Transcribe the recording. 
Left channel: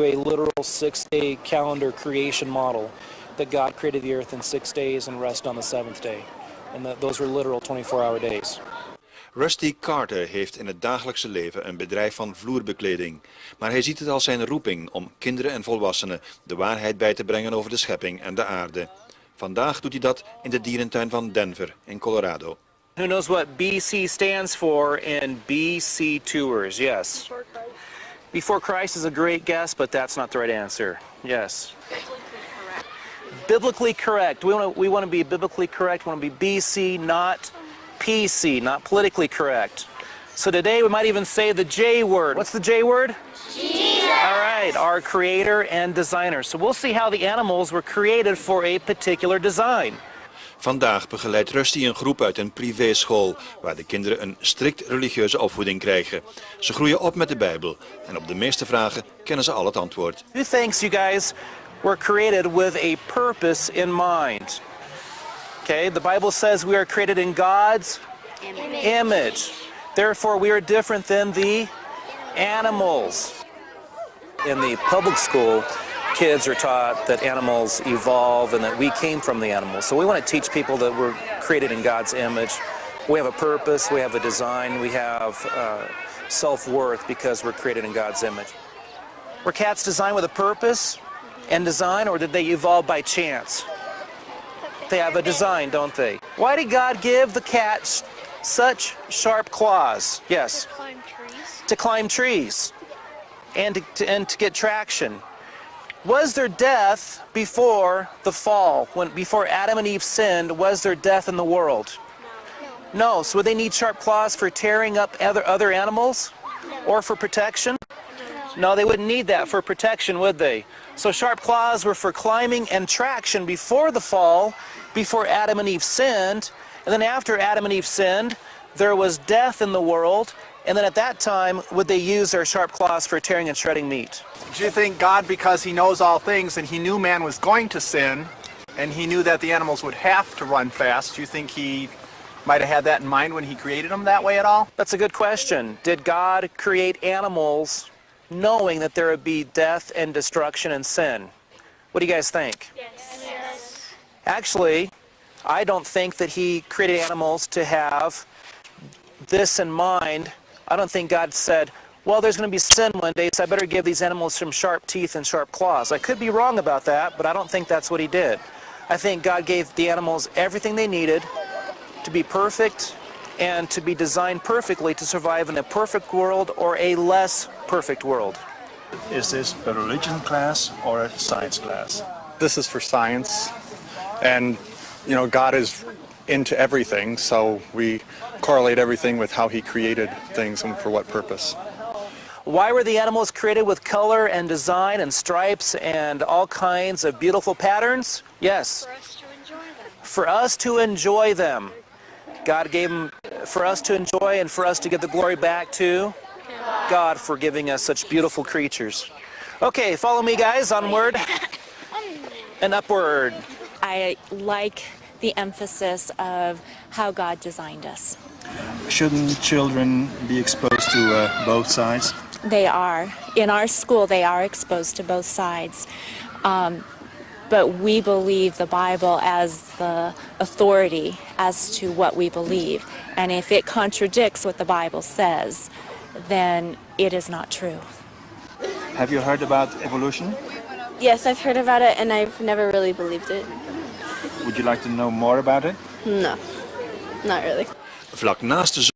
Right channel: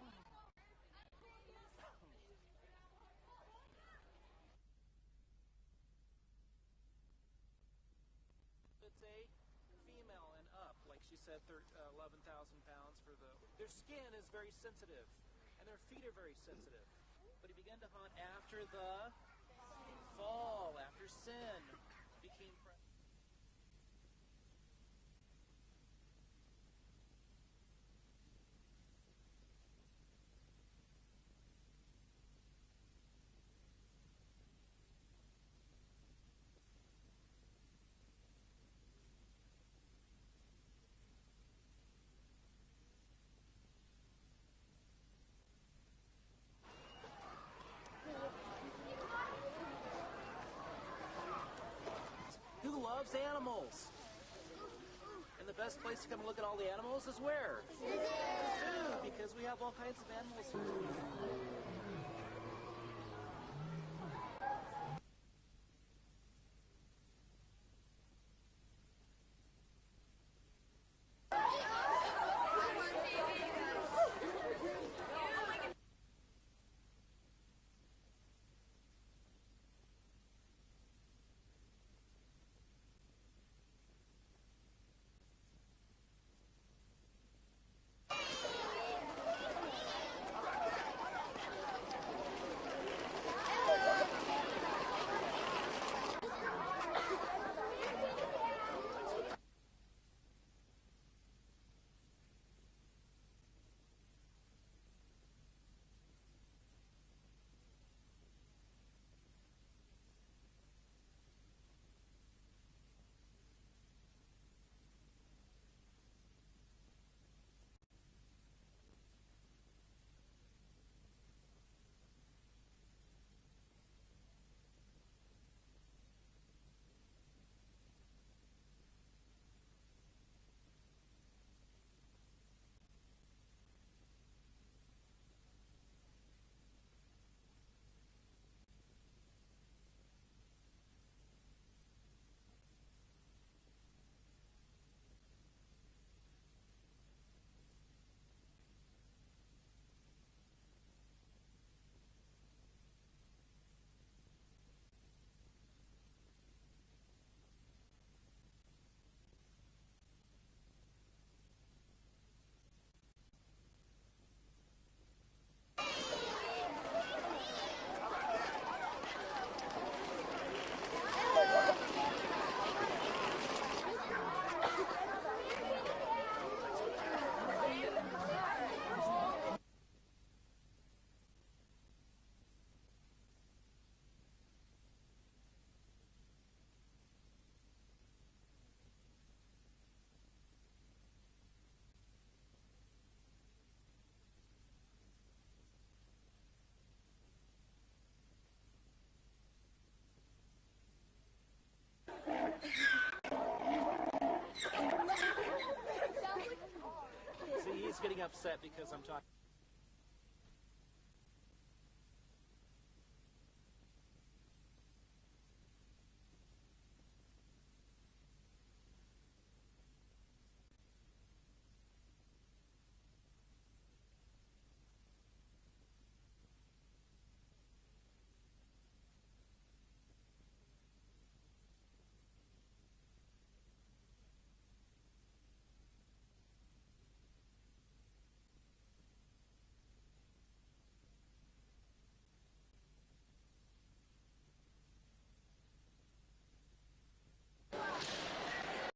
a literal 6-day calendar creation model that God created the earth in 6 days and rested on the seventh day. And those were literal 24-hour days. Rusty Carter heeft in het dagelijkse leven een bedrijf van vloerbekleding. Maar hij ziet het als zijn roeping om kinderen en volwassenen de waarheid bij te brengen over de schepping en de aarde. Vandaag doet hij dat in de dierentuin van Denver in Colorado. Who knows what BC stands for in BC Tours? Yes. Before Christ is a great guess, but that's not the right answer. Yes. Biblically correct. We want to be biblically correct. We want to be BC, not PC, not politically correct. So today we might even say the J word. What's the J word? Jesus. All right, our creator and designer. So we'll see how the animals were created for a particular design. Vandaag begeleidt Rusty een groep uit een privéschool, waar de kinderen een strikt religieuze opvoeding krijgen. Ze groeien op met de Bijbel en op de meeste vragen kennen ze al het antwoord. Who thinks you guys were created with a purpose in mind? Okay, the Bible says we are created in God's image. Therefore, we are different than the animals. In the public school, kids are taught that animals evolve and that we came from the animals. So we want to teach people that we're created in God's image. We have a purpose, we have a design, we have self-worth because we're created in God's image. Were cats designed with a purpose and design, or did they evolve by chance? They have a design, don't they? Why did God give the cats such sharp claws? Yes. To climb trees. To climb trees and to get traction. Was there death before the fall? Before Adam and Eve sinned, was there death in the world? No. So would they need sharp claws for tearing up other animals? Or for protection? No, they wouldn't need that for protection, would they? So sharp claws were for climbing and traction before the fall, before Adam and Eve sinned. And then after Adam and Eve sinned, there was death in the world. And then at that time, would they use their sharp claws for tearing and shredding meat? Do you think God, because he knows all things and he knew man was going to sin, and he knew that the animals would have to run fast, do you think he might have had that in mind when he created them that way at all? That's a good question. Did God create animals knowing that there would be death and destruction and sin? What do you guys think? Yes. Actually, I don't think that he created animals to have this in mind. I don't think God said, well, there's going to be sin one day, so I better give these animals some sharp teeth and sharp claws. I could be wrong about that, but I don't think that's what he did. I think God gave the animals everything they needed to be perfect and to be designed perfectly to survive in a perfect world or a less perfect world. Is this a religion class or a science class? This is for science, and you know, God is into everything, so we correlate everything with how he created things and for what purpose. Why were the animals created with color and design and stripes and all kinds of beautiful patterns? Yes. For us to enjoy them. For us to enjoy them. God gave them for us to enjoy and for us to give the glory back to God for giving us such beautiful creatures. Okay, follow me guys, onward and upward. I like the emphasis of how God designed us. Shouldn't children be exposed to both sides? They are. In our school, they are exposed to both sides. But we believe the Bible as the authority as to what we believe. And if it contradicts what the Bible says, then it is not true. Have you heard about evolution? Yes, I've heard about it and I've never really believed it. Would you like to know more about it? No, not really. Vlak naast de